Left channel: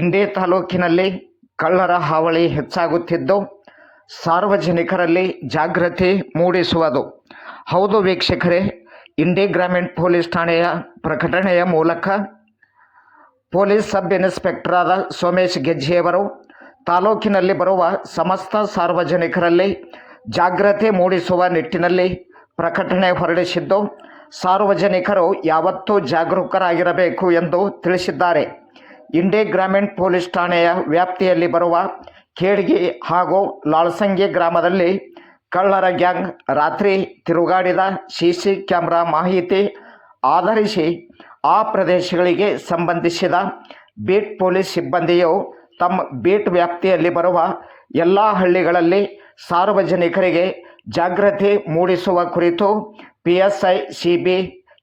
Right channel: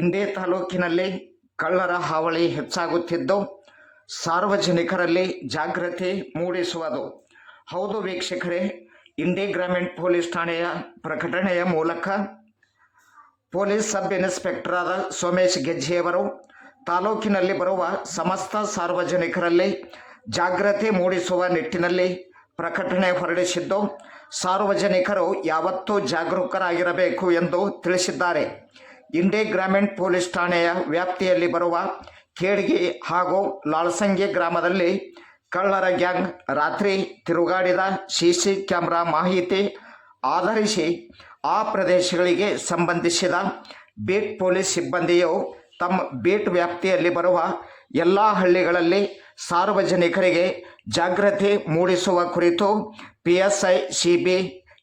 ಇಂಡಿ ತಾಲೂಕಿನಲ್ಲಿ ಕಳ್ಳರ ಹಾವಳಿ ಹೆಚ್ಚಾಗುತ್ತಿದ್ದು, ಸಾರ್ವಜನಿಕರಲ್ಲಿ ಜಾಗೃತಿ ಮೂಡಿಸುವುದು. ಹೌದು ವೀಕ್ಷಕರೇ ಇಂಡಿ ಗ್ರಾಮೀಣ ಪೊಲೀಸ್ ಠಾಣೆಯ ಪ್ರಕಟಣೆಯ ಮೂಲಕ ಪೊಲೀಸ್ ಸಬ್ ಇನ್ಸ್ಪೆಕ್ಟರಾದ ಸೋಮೇಶ್ ಗೆಜ್ಜೆಯವರು, ತಾಲೂಕಿನಲ್ಲಿ ಬರುವ ಸಮಸ್ತ ಸಾರ್ವಜನಿಕರಲ್ಲಿ ಜಾಗೃತಿ ಮೂಡಿಸುವ ನಿಟ್ಟಿನಲ್ಲಿ ಪ್ರಕಟಣೆ ಹೊರಡಿಸಿದ್ದು, ಸಾರ್ವಜನಿಕರು ಯಾವತ್ತೂ ಜಾಗರೂಕರಾಗಿರಬೇಕು ಎಂದು ತಿಳಿಸಿದ್ದಾರೆ. ಇಂಡಿ ಗ್ರಾಮೀಣ ಪೊಲೀಸ್ ಠಾಣೆಯ ವ್ಯಾಪ್ತಿಯಲ್ಲಿ ಬರುವ ಖೇಡ್ಗಿ ಹಾಗೂ ಲಾಳ್ಸಂಗಿ ಗ್ರಾಮದಲ್ಲಿ ಕಳ್ಳರ ಗ್ಯಾಂಗ್ ರಾತ್ರಿ ತಿರುಗಾಡಿದ ಸಿ ಸಿ ಕ್ಯಾಮ್ರಾ ಮಾಹಿತಿ ಆಧರಿಸಿ ಆ ಪ್ರದೇಶಗಳಿಗೆ ಸಂಬಂಧಿಸಿದ ಬೀಟ್ ಪೊಲೀಸ್ ಸಿಬ್ಬಂದಿಯು ತಮ್ಮ ಬೀಟ್ ವ್ಯಾಪ್ತಿಯಲ್ಲಿ ಬರುವ ಎಲ್ಲ ಹಳ್ಳಿಗಳಲ್ಲಿ ಸಾರ್ವಜನಿಕರಿಗೆ ಜಾಗೃತಿ ಮೂಡಿಸುವ ಕುರಿತು P S I C B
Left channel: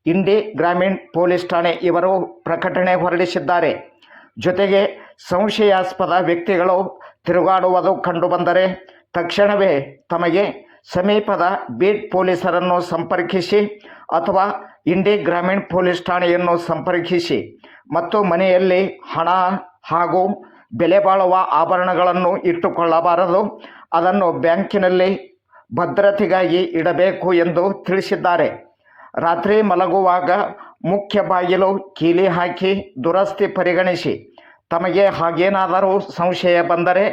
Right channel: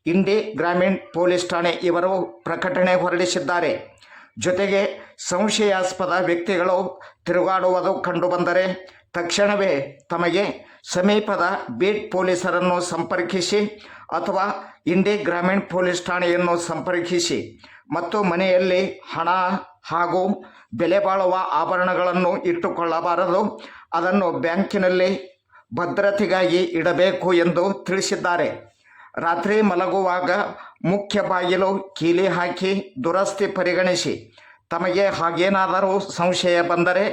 Indi ಗ್ರಾಮೀಣ ಪೊಲೀಸ್ ಠಾಣೆ ಇವರು ಪ್ರಕಟಣೆ ಹೊರಡಿಸಿದ್ದಾರೆ. ಜೊತೆಗೆ ಸಂಶಯಾಸ್ಪದ ವ್ಯಕ್ತಿಗಳು ತಿರುಗಾಡುವುದು ಕಂಡುಬಂದರೆ ತಕ್ಷಣವೇ ತಮಗೆ ಸಮೀಪದ ಬೀಟ್ ಪೊಲೀಸರನ್ನು ಸಂಪರ್ಕಿಸಿ ಅಥವಾ ಇಂಡಿ ಗ್ರಾಮೀಣ ಪೊಲೀಸ್ ಠಾಣೆಯನ್ನು ಸಂಪರ್ಕಿಸಿ ಮತ್ತು ಮನೆಯಲ್ಲಿ ಹಣ ಹಾಗೂ ಬೆಲೆ ಬಾಳುವ ಆಭರಣಗಳನ್ನು ಇಟ್ಟುಕೊಳ್ಳಬಾರದು. ಅದನ್ನು ಬ್ಯಾಂಕಿನಲ್ಲಿ ಭದ್ರತೆಗಾಗಿ ಇಡಬೇಕು ಎಂದು ತಿಳಿಸಿದ್ದಾರೆ. ರಾತ್ರಿ ಮಲಗುವಾಗ ಮುಖ್ಯ ಬಾಗಿಲು ಕೀಲಿ ಹಾಕಿ ದುರಸ್ತಿ ಪರಿಗಣಿಸಿ ತಮಗೆ ಹಾಗೇನಾದರೂ ಸಂಶಯ ಬಂದರೆ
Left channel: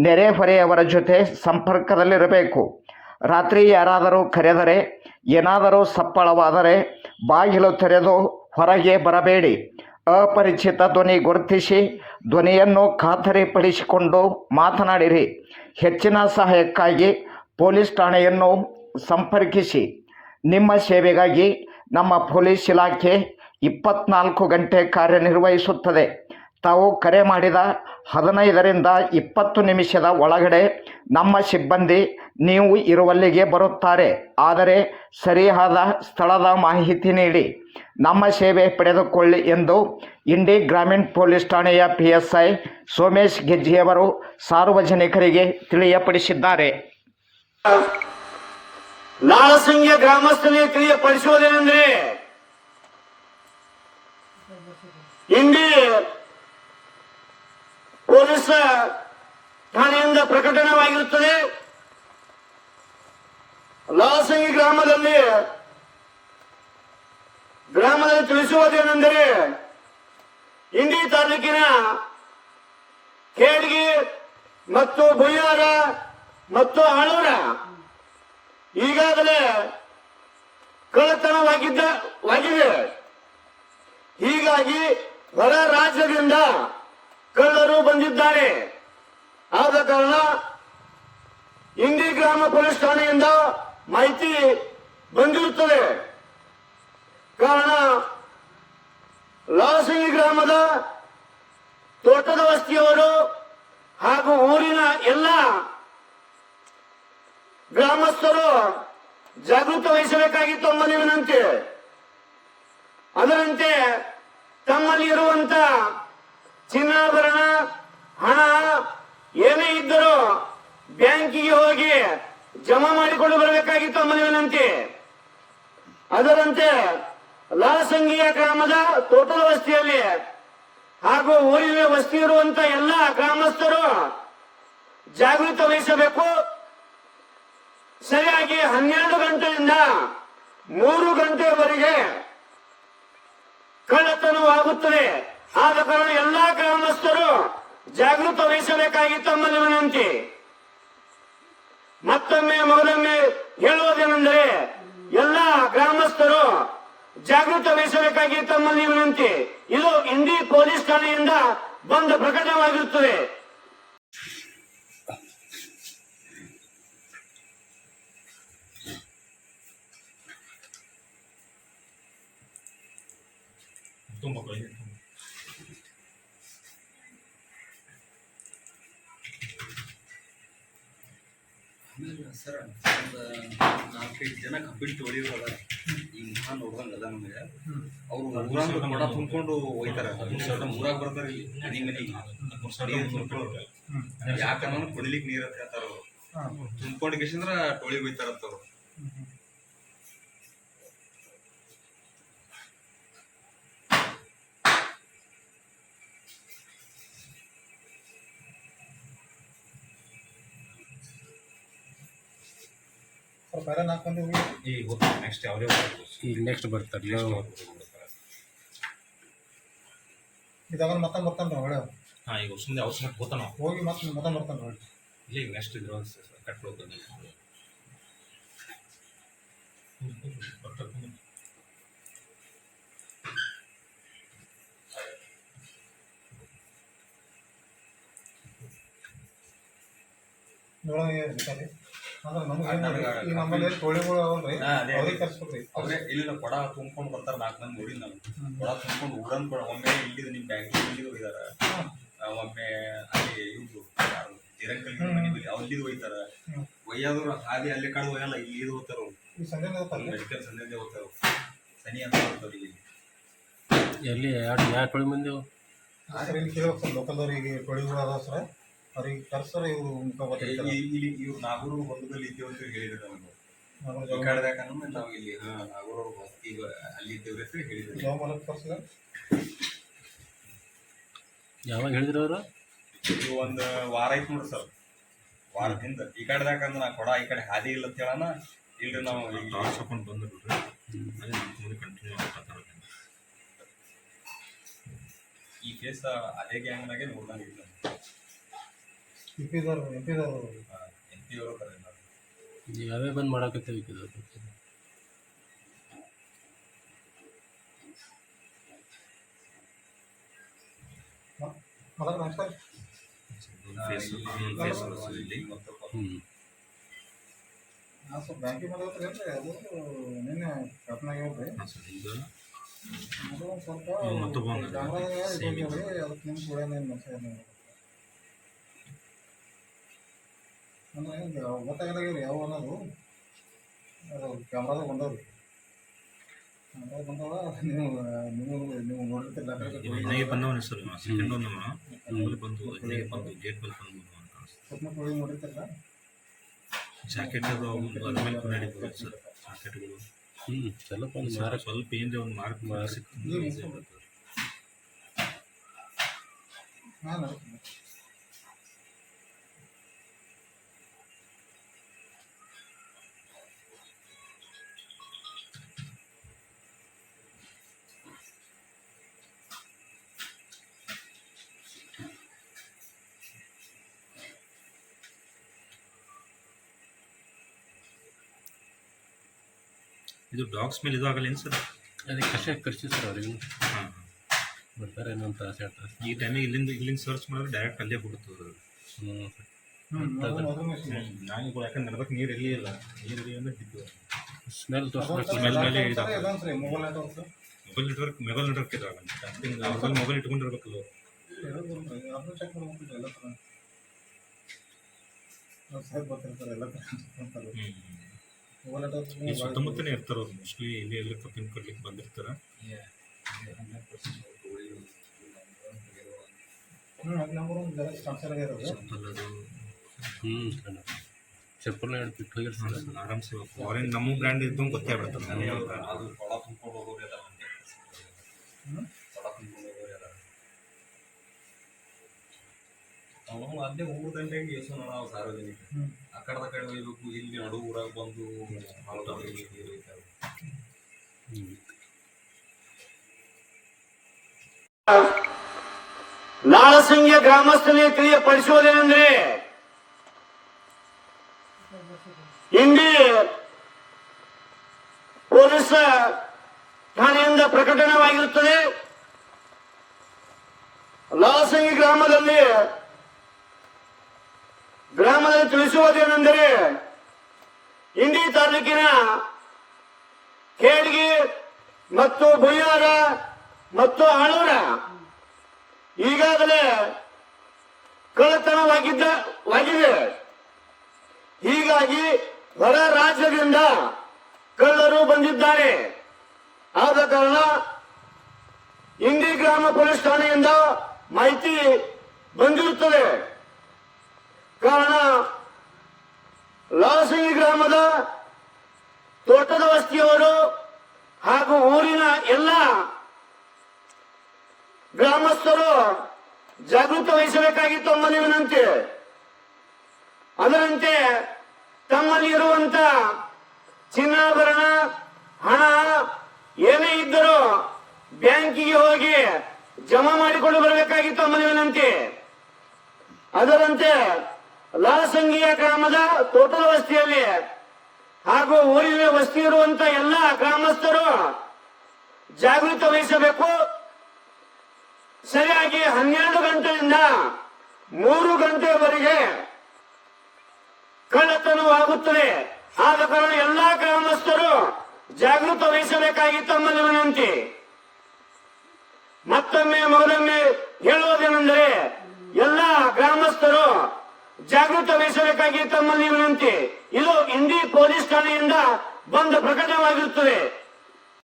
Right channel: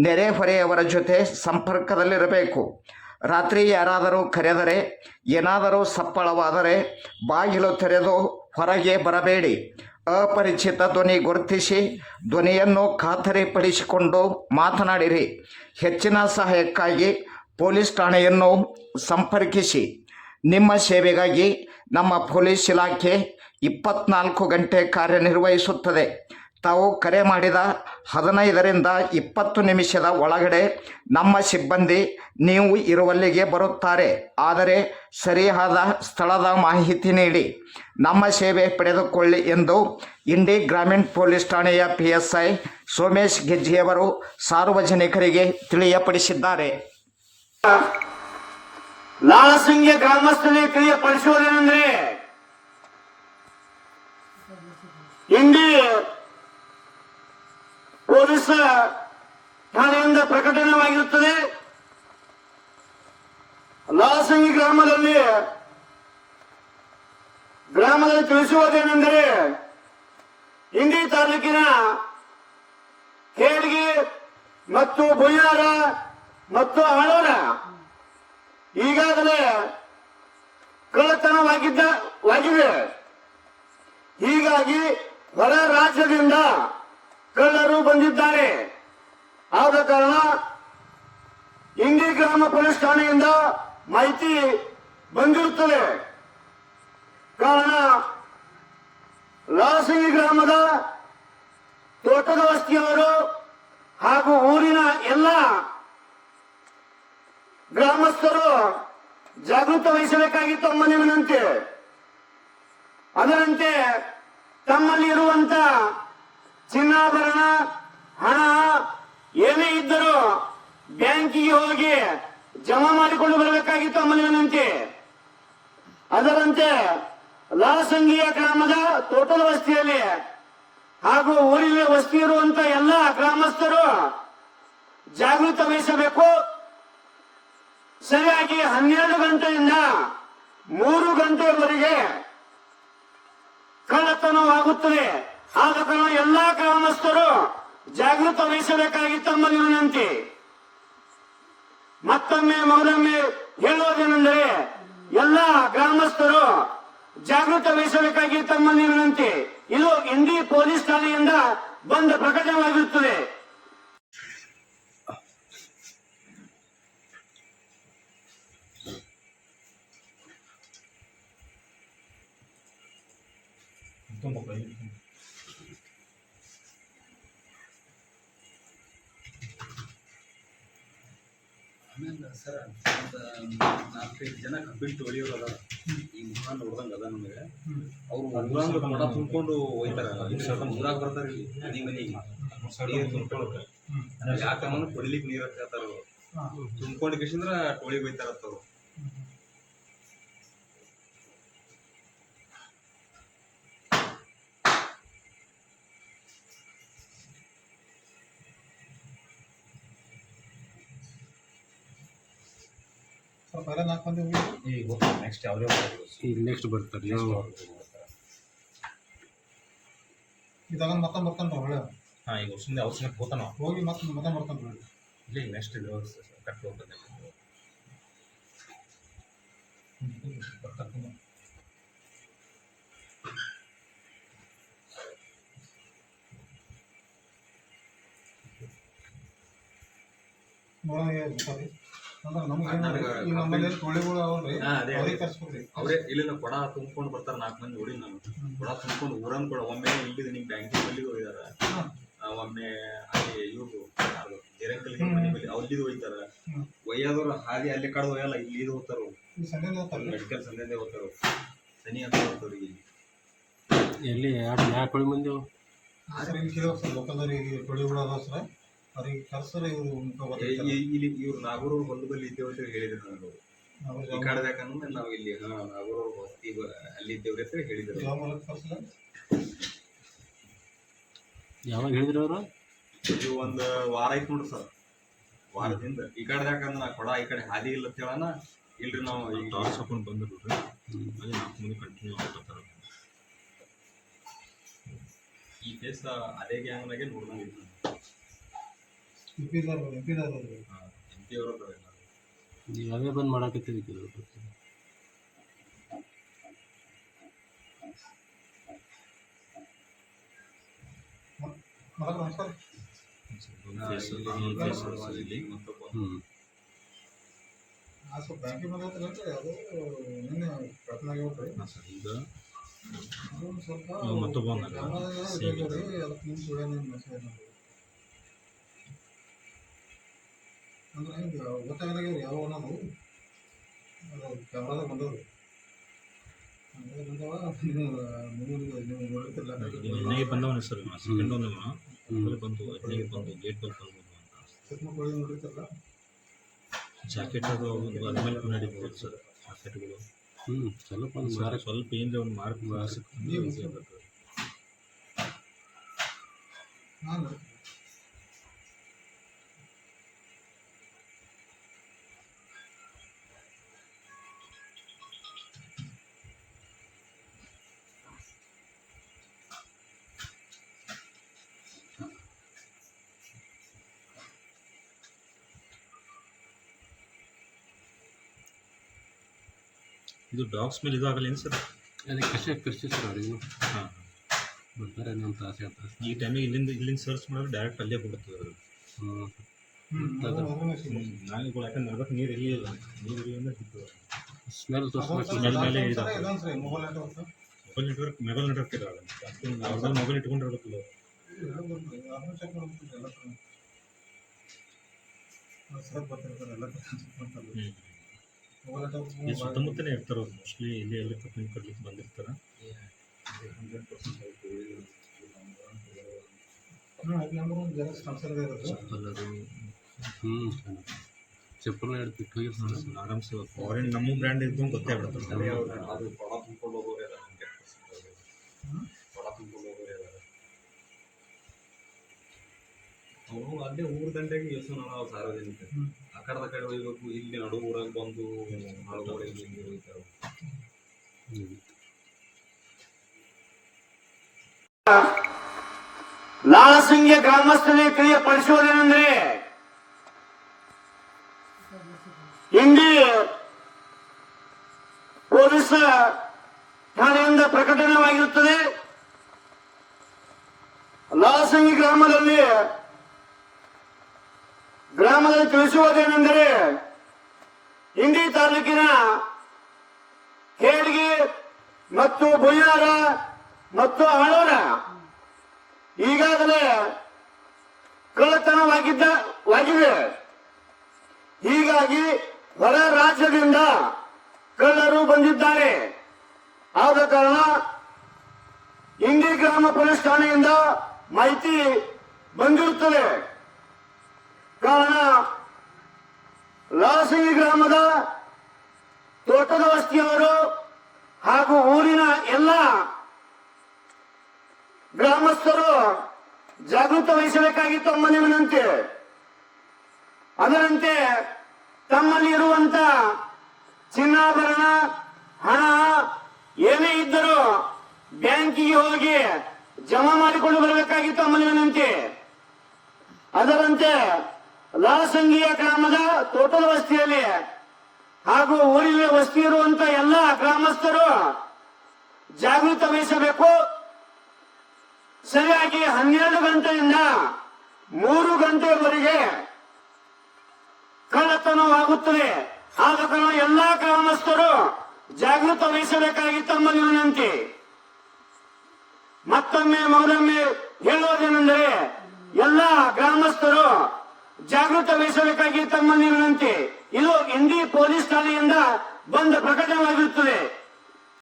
ನೆರೆಹೊರೆಯವರ ಜೊತೆ ಸಂಪರ್ಕದಲ್ಲಿರಬೇಕು. ರಾತ್ರಿ ಯಾರಾದರೂ ಕರೆದರೆ, ಏನಾದರೂ ಸಪ್ಪಳವಾದರೆ ಬಾಗಿಲು ತೆರೆದು ಹೊರಗೆ ಬರಬೇಡಿ. ಅಪರಿಚಿತ ಧ್ವನಿ ಗುರುತಿಸಿ, ಧ್ವನಿಯನ್ನು ಖಾತರಿಪಡಿಸಿಕೊಂಡು ಮಾತನಾಡಿರಿ. ಹೆಚ್ಚಿನ ಸಹಾಯಕ್ಕಾಗಿ ಪೊಲೀಸ್ ಠಾಣೆಯನ್ನು ಸಂಪರ್ಕಿಸಿ. ನಿಮ್ಮ ಸೇವೆಗಾಗಿ ನಮ್ಮ ಪೊಲೀಸ್ ಇಲಾಖೆ ಇಪ್ಪತ್ನಾಲ್ಕು ಗಂಟೆ ಕಾರ್ಯನಿರ್ವಹಿಸುತ್ತದೆ. ತಾವು ಕರೆ ಮಾಡಿದ ಹದಿನೈದರಿಂದ ಇಪ್ಪತ್ತು ನಿಮಿಷದ ಒಳಗಡೆ ನಮ್ಮ ಸಿಬ್ಬಂದಿ ನೀವು ಇರುವಲ್ಲಿಗೆ ಬರುತ್ತಾರೆ. ಆದರೆ ಸರಿಯಾದ ಸ್ಥಳದ ಮಾಹಿತಿ ನೀಡಿ. ನಮ್ಮ ಸೇವೆ ಪಡೆದುಕೊಳ್ಳಿ ಎಂದು ಇಂಡಿ ಗ್ರಾಮೀಣ ಪೊಲೀಸ್ ಠಾಣೆಯ ಪಿ ಎಸ್ ಐ ಸೋಮೇಶ್ ಗೆಜ್ಜಿಯವರು ಸಾರ್ವಜನಿಕರಿಗೆ ತಿಳಿಯಪಡಿಸಿದ್ದಾರೆ. ಇಂಡಿ ಪೊಲೀಸ್ ಠಾಣೆಯಿಂದ ಪ್ರಕಟಣವಾಗಿರುತ್ತದೆ. ಲಾಸಂಗಿ ಗ್ರಾಮದಲ್ಲಿ ಗ್ರಾಮದಲ್ಲಿ ತಿಳಿಸುವುದೇನೆಂದರೆ, ಇಂಡಿ ತಾಲೂಕಿನ ಕೇಡ್ಗಿ ಮತ್ತು ಬುಯ್ಯಾರ ಮತ್ತು ಅಣೂರ ಈಗಾಗಲೇ ಕಳ್ಳತನವಾಗಿದ್ದ ವಾಗಿದೆ ಹೀಗಾಗಿ ಹೊರ ರಾಜ್ಯದಿಂದ ಕಳ್ಳರು ಬಂದಿದ್ದಾರೆ. ಆದ ಕಾರಣ ಇಂಡಿ ಗ್ರಾಮ ಪೊಲೀಸ್ ಠಾಣೆಯಿಂದ ಮಾಹಿತಿ ಬಂದಿರುತ್ತದೆ. ಕಾರಣ ಲಾಸಿಂಗಿ ಗ್ರಾಮದ ತೋಟದ ವಸ್ತಿಯವರು ಹಾಗೂ ಊರಿನ ಎಲ್ಲ ಗ್ರಾಮಸ್ಥರು ಜಾಗೃತ ವಹಿಸಬೇಕಾಗಿತ್ತು ತಮ್ಮಲ್ಲಿ ವಿನಂತಿ ಅದರಂತೆ ತಮ್ಮಲ್ಲಿ ಇರುವಂತ ಚಿನ್ನಾಭರಣ, ಹಣ ಏನೇ ಇದ್ದರೂ ಬ್ಯಾಂಕಿಗೆ ಹೋಗಿ ಜಮಾ ಮಾಡಿಕೊಂಡು ಬರಬೇಕಾಗಿತ್ತು ವಿನಂತಿ ಅದರಂತೆ ಲಾಸಂಗಿಯ ಗ್ರಾಮದ ತೋಟದ ವಸ್ತಿಯಲ್ಲಿ ಹಾಗೂ ಊರಿನ ವಸ್ತಿ ಇರುವಂತ ಎಲ್ಲ ಗ್ರಾಮಸ್ಥರು ಜಾಗೃತ ವಹಿಸಬೇಕು. ಸರಿಯಾಗಿ ಹನ್ನೆರಡು ಗಂಟೆಯಿಂದ ಮೂರು ಗಂಟೆವರೆಗೆ ಕಳ್ಳತನವಾಗುತ್ತದೆ. ಆದ ಕಾರಣ ಎಲ್ಲಾ ಗ್ರಾಮಸ್ಥರು ಜಾಗೃತ ವಹಿಸಬೇಕಾಗಿ ತಮ್ಮಲ್ಲಿ ವಿನಂತಿ ಮತ್ತೊಮ್ಮೆ ಮೊದಲೊಮ್ಮೆ ಹೇಳುವುದೇನೆಂದರೆ ಎಲ್ಲ ಗ್ರಾಮಸ್ಥರು ಜಾಗೃತ ವಹಿಸಬೇಕಾಗಿ ತಮ್ಮಲ್ಲಿ ವಿನಂತಿ ಇದು ಇಂಡಿ ಪೊಲೀಸ್ ಠಾಣೆಯಿಂದ ಬಂದ ಪ್ರಕಟವಾಗಿರುತ್ತದೆ. ಸರ್ ಒಂದು ನಾಲ್ಕೈದು ಜನ ಕಬ್ಬಿಟ್ಟು ತೊಳಿಯೋರು ಅದ ಈ ಮುಖ ನೋಡ್ದಂಗೆ ಅದ ನಮಗೆ. ಅವರು ಊರಾಗ ಮಡ ತುಂಬ್ಕೊಂಡು ಹೋಯ್ತಾರ. ಊರಾಗ ಬರ್ತಾರೆ ಇಲ್ಲಿ ಮನೆ ಮನೆಗೆ. ನೀರು ತುಂಬ್ಕೊಳ್ಳೋರು ಯಾಕಂದ್ರೆ ಕುಡಿಲಿಕ್ಕೆ ನೀರು ಅಂತ ಹೇಳ್ತಾರ ಅವರು ತುಂಬ್ಕೊಂಡು ಕಿಶಂದ್ರ ಟೋಳಿಗೆ ಹೋಯ್ತಾರತ್ತ ಅವ್ರು ಮಂದಿ ಹೋಗಿ ಈ ನೆಕ್ಸ್ಟ್ ಯಾವುದೇ ಈಗ ನೆಕ್ಸ್ಟ್ ಬರ್ತಾರೆ ಇದಾಗ ಮತ್ತೆ ಬರ್ತಾನೆ ಹೊಳೆ ಹಾಂ ಈಗ ಸುಮ್ಮನೆ ಅವಶ್ಯ ಹೋತಾನ ಹೋಗಿ ಮತ್ತೆ ಮತ್ತೆ ಬರ್ತಾನೆ ನೋಡಿ. ಇಲ್ಲ ಈಗ ನೆಕ್ಸ್ಟ್ ಇದ್ರ ಕಟ್ ಹೋಗ್ತದೆ ಬರ್ತಾರೆ ನೋಡೋಣ ಸರಿ ಅಂದ್ರೆ ನಮ್ಗೆ ಆ, ನಮ್ಗೆ ಈಗ ನಮ್ಮಲ್ಲಿ ತೊಳಿಗಳು ಅವಲ್ರಿ ಹಾ, ಅದೇ. ಅವ್ರಿಗೆ ಕರ್ಸ್ಬೇಕ್ರಿ. ಅವರೇ ಇಲ್ಲಿಂದ ಕೊಡ ತುಂಬ್ಕೊಂಡು ಬರ್ತಾರೆ ನಾಲ್ಕು ಮಂದಿ ನೋಡಿ ನಾನು ಕೊಡ ತುಂಬ್ಕೊಂಡು ಊರನ್ ಕೂಡ. ಒಮ್ಮೆ ಇಲ್ಲಿದು ನಿಮ್ಮ ಬ್ಯಾಂಕಿಗೆ ಇಲ್ಲಿಗೆ ಹೋಗಿದಾರ. ಒಮ್ಮೆ ಅಲ್ಲಿ ಇವ್ರು ಯಾರು ಜಿರಂಕಲ್ ಮನೆ ಬಳಿ ಅಲ್ಲಿದು ಒಯ್ತಾರ ಹ್ಮ್. ಒಯ್ಯಾದವ್ರು ಹಾದಿ ಅಲ್ಲಿ ಕಡೆ ಒಯ್ಯಲ್ಲ ಇಲ್ಲಿ ಇದು ಹೋಗ್ತಾರ ಮೆಡಿಕಲ್ ಸಂದೇದೆ ಹೋಗ್ತಾರ ಸನಿ ಅಂತ ಹೋಗ್ತಾರ ಇಲ್ಲಿ. ಎಲ್ಲಿ ಏಳು ಮಂದಿ ಸರ್ ಇಲ್ಲಿ ಕೇಳಿ ಸರ್ ಲೋಕಲ್ದವ್ರಿಗೆ ತೊಳಿಗಳು ಅದಾವ ಸರ್. ಅವ್ರಿಗೆ ಕರ್ಸರ ಇವ್ರು ಇಲ್ಲಿ ಇವ್ರು ನಾಗೂರು ಬಂದು ಬಲ್ಲಿ ಇದ್ದೇವೆ ಅಂತ ಹೇಳಿದ್ರು ನಮ್ಗೆ. ಈ ಕಡ್ದಾಕಂದ್ರೆ ನಾವು ಇಲ್ಲಿ ಹಾ ನಾಗೂರು ಹೊಸ್ತಿ ಅಲ್ಲಿ ಇದ್ದೇವ್ರಿ ಅಂತ ಹೇಳಿದ್ರು. ಯಾವ ಮೂಲಕ ಯಾವಾಗ ಹೇಳಿದ್ರು ಅವರು? ಇದು ಒಂದು ವಾರ ಆಯ್ತು ನೋಡ್ರಿ ಸರ್. ವಾರದಿಂದ. ಈ ಕಡೆದಾಕಂದ್ರೆ ನಾ ಕೊಡ ಈ ಕಡೆ ಹಾದಿ ಇಲ್ಲ ಅಂತ ಹೇಳೋಣ. ಇಲ್ರಿ ನಾವು ಈಗ ಟಾರ್ಚ್ ಹಾಕೊಂಡು ಬಂದ್ರು ಅದೇ ನಾಲ್ಕು ಮಂದಿ ಕಂಟಿನ್ಯೂ ಮಾಡ್ತಾರೆ ಈ ಫೇಸ್ ಅದೇ ಗ್ಯಾಂಗ್ನಾಗೆ ನೋಡ್ದಂಗೆ ಇತ್ತು ಎಂ ಪಿದವ್ರು ಎಂ ಪಿದವ್ರು ಎಂ ಪಿ ಅವರು ಅದಾರ ಎಲ್ಲ. ಈಗ ಅವೇ ಬಂದ್ ಮಾಡಾಕತ್ತೀವಿ ಮತ್ತೊಬ್ಬ ಹ್ಞೂ ಹಾಂ ಸ್ವಲ್ಪ ಬ್ಯಾಂಕಿಗೆ ಬಂದೈತ್ರಿ ಅಲ್ರಿ ಅದು ನಿನ್ನೆ ಕಟ್ನಾಗ ಹೇಳ್ರಿ ಹಾಂ ಸರ್ ಈಗ ಅದು ಒಂದು ಸ್ವಲ್ಪ ಹ್ಮ್, ಮತ್ತೊಬ್ಬ ಅವ್ನ. ಕ್ಯಾಮ್ರಾದಾಗ Same ಇದು ರೀ ಅದಕ್ಕೆ ನಿಮ್ಮ ಕೂಡ ಏನು ಮೆಸೇಜ್ ಮಾಡಿ ಅಂದ್ರೆ ಹಿಂಗೆ ಇವ್ರು ಯಾವ ಅನ್ನೋದು ಅದು ಕ್ಯಾಮ್ರಾದಾಗ ಬಂದವ್ರಿ ಕ್ಯಾಮ್ರಾದಾಗ ಬಂದವ ನೀವು ನೀವು ನೀವು ನೋಡಿರ್ತಿಲ್ಲ ಬಂದವನೇ ಸರ್ ಸೆಕೆಂಡ್ ಅಲ್ಲಿ ಬಂದು ಬಂದು ಗೇಟ್ ಬಲ್ಲಿ ಬಂದು ಅಂತ ಸುತ್ತಮುತ್ತ ಕೋಳಿ ನೋಡಿರ್ತಿಲ್ಲ ಜಾಕೆಟ್ ಅದು ಅದ್ಮೇಲೆ ಸರ್ ಜಾಕೆಟ್ಗಳು. ಹ್ಞೂ ಸ್ವಲ್ಪ ಒಂದು ಮಾರ್ಕ್ ಸ್ವಲ್ಪ ಏನಿದೆ ಒಂದು ಮಾರ್ಕ್ ಮಾರ್ಕ್ ಹಾಂ ಇದು ಡಾಗ್ಸ್ ಮೇಲೆ ಇದು ಆಗಲ್ಲ ಏನು ಸರ್? ಅದಕ್ಕೆ ಕಷ್ಟ ಕಷ್ಟ ಸರ್ ಅವ್ರಿಗೂ ಹಾಂ. ಬರ್ತಾರೆ ತಾಸು ಎರಡು ತಾಸು. ಈ ಟೈಮಿಗೆ ಇಲ್ಲಿಂದ ಇಲ್ಲಿಂದ ಸರ್ಚ್ ಮಾಡಿದ್ರೆ ಡೈರೆಕ್ಟ್ ಅಲ್ಲೇ ಕೊಡ್ತದೆ ಅದು. ಹ್ಞೂ ನಾನು. ನಾಯಿಗಳು ಯಾಕಂದ್ರೆ ನಡ್ಬೇಕು ನೀರು ಎಲ್ಲಿ ಇಲ್ಲ. ನೀರು ಎಲ್ಲಿ ಅಂದ್ರೆ ಬಿದ್ದು ಸ್ಮೆಲ್ ತೋರಿಸ್ಬೇಕು. ಸ್ಮೆಲ್ ಮೇಲೆ. ಸರಿ, ಸರಿ ಮೊಬೈಲ್ ನೆಟ್ವರ್ಕ್ ಮೊಬೈಲ್ ನೆಟ್ವರ್ಕ್ ಇದಾಗಲ್ಲ. ಅವ್ರಲ್ಲಿ ಮೊಬೈಲ್ ಇಟ್ಕೊಂಡಿರ್ಬೇಕಲ್ಲ. ಎಲ್ಲ ಥರ ಸರ್ ಎಲ್ಲ ಈ ಸುತ್ತಮುತ್ತನೇ ಇರ್ತಾರೆ? ಅವ್ರು ಮೋಸ್ಟ್ಲಿ ಇಲ್ಲಿ ಎಲ್ಲ ಕಪ್ಪಿನ ಕೊಡ್ಲಿಕ್ಕೆ ಬಂದಿರ್ತಾರೆ? ಚಪ್ಪಲ್ ಅದು. ಹ್ಞೂ ಚಪ್ಪಲ್ನ ಹಿಡ್ದು ಬಿಟ್ಟು ಹೋಗಿರ್ತಾರೆ ಆರಾಮ್ಸೆ ಫಾರಿನ್ ನಮ್ಮ ಬ್ರ್ಯಾಂಡ್ ಇದ್ದು ಗೊತ್ತೇ ಬಿಡ್ತಾರೆ ಅದೇ. ಅವನು ಅಲ್ಲೇ ಊರ್ ದಂಡೆಗೆ ಎಷ್ಟು ನಾವು ಸಾರ್ವಜನಿಕ ಹ್ಮ್. ಆ ಕಡೆದ ಕಡೆ ಒಯ್ಬೇಕು ಇಲ್ಲಿ ನಡು ಊರಾಗ ಬಂದು ಮಾಡೋದು ಇಲ್ಲಿ ನೀರು ಒಯ್ತಾರೆ ಹ್ಞೂ ಲಾಳಸಿಂಗ್ಯ ಗ್ರಾಮಸ್ಥರಿಗೆ ತಿಳಿಯಪಡಿಸುವುದೇನೆಂದ್ರೆ ಇಂಡಿ ಪೊಲೀಸ್ ಠಾಣೆಯಿಂದ ಪ್ರಕಟಣವಾಗಿರುತ್ತದೆ ಲಾಳಸಿಂಗಿ ಗ್ರಾಮದಲ್ಲಿ ಗ್ರಾಮದಲ್ಲಿ ತಿಳಿಸುವುದೇನೆಂದರೆ, ಇಂಡಿ ತಾಲೂಕಿನ ಕೇಳ್ಗಿ ಮತ್ತು ಬುಯ್ಯಾರ ಮತ್ತು ಹಣೂರ ಈಗಾಗಲೇ ಕಳ್ಳತನವಾಗಿದ್ದ ವಾಗಿದೆ ಹೀಗಾಗಿ ಹೊರ ರಾಜ್ಯದಿಂದ ಕಳ್ಳರು ಬಂದಿದ್ದಾರೆ. ಆದ ಕಾರಣ ಇಂಡಿ ಗ್ರಾಮ ಪೊಲೀಸ್ ಠಾಣೆಯಿಂದ ಮಾಹಿತಿ ಬಂದಿರುತ್ತದೆ. ಕಾರಣ ಲಾಸಿ ಗ್ರಾಮದ ತೋಟದ ವಸ್ತಿಯವರು ಹಾಗೂ ಊರಿನ ಎಲ್ಲ ಗ್ರಾಮಸ್ಥರು ಜಾಗೃತ ವಹಿಸಬೇಕಾಗಿತ್ತು ತಮ್ಮಲ್ಲಿ ವಿನಂತಿ. ಅದರಂತೆ ತಮ್ಮಲ್ಲಿ ಇರುವಂತ ಚಿನ್ನಾಭರಣ, ಹಣ ಏನೇ ಇದ್ದರೂ ಬ್ಯಾಂಕಿಗೆ ಹೋಗಿ ಜಮಾ ಮಾಡಿಕೊಂಡು ಬರಬೇಕಾಗಿತ್ತು ಮನವಿನಂತೆ ವಿನಂತಿ. ಅದರಂತೆ ಲಾಸಂಗಿಯ ಗ್ರಾಮದ ತೋಟದ ವಸ್ತಿಯಲ್ಲಿ ಹಾಗೂ ಊರಿನ ವಸ್ತಿ ಇರುವಂತ ಎಲ್ಲ ಗ್ರಾಮಸ್ಥರು ಜಾಗೃತ ವಹಿಸಬೇಕು. ಸರಿಯಾಗಿ ಹನ್ನೆರಡು ಗಂಟೆಯಿಂದ ಮೂರು ಗಂಟೆವರೆಗೆ ಕಳ್ಳತನವಾಗುತ್ತದೆ ಆದ ಕಾರಣ ಎಲ್ಲಾ ಗ್ರಾಮಸ್ಥರು ಜಾಗೃತ ವಹಿಸಬೇಕಾಗಿ ತಮ್ಮಲ್ಲಿ ವಿನಂತಿ. ಮತ್ತೊಮ್ಮೆ ಮೌನೊಮ್ಮೆ ಹೇಳುವುದೇನೆಂದರೆ ಎಲ್ಲ ಗ್ರಾಮಸ್ಥರು ಜಾಗೃತ ವಹಿಸಬೇಕಾಗಿ ತಮ್ಮಲ್ಲಿ ವಿನಂತಿ ಇದು ಇಂಡಿ ಪೊಲೀಸ್ ಠಾಣೆಯಿಂದ ಬಂದ ಪ್ರಕಟವಾಗಿರುತ್ತದೆ.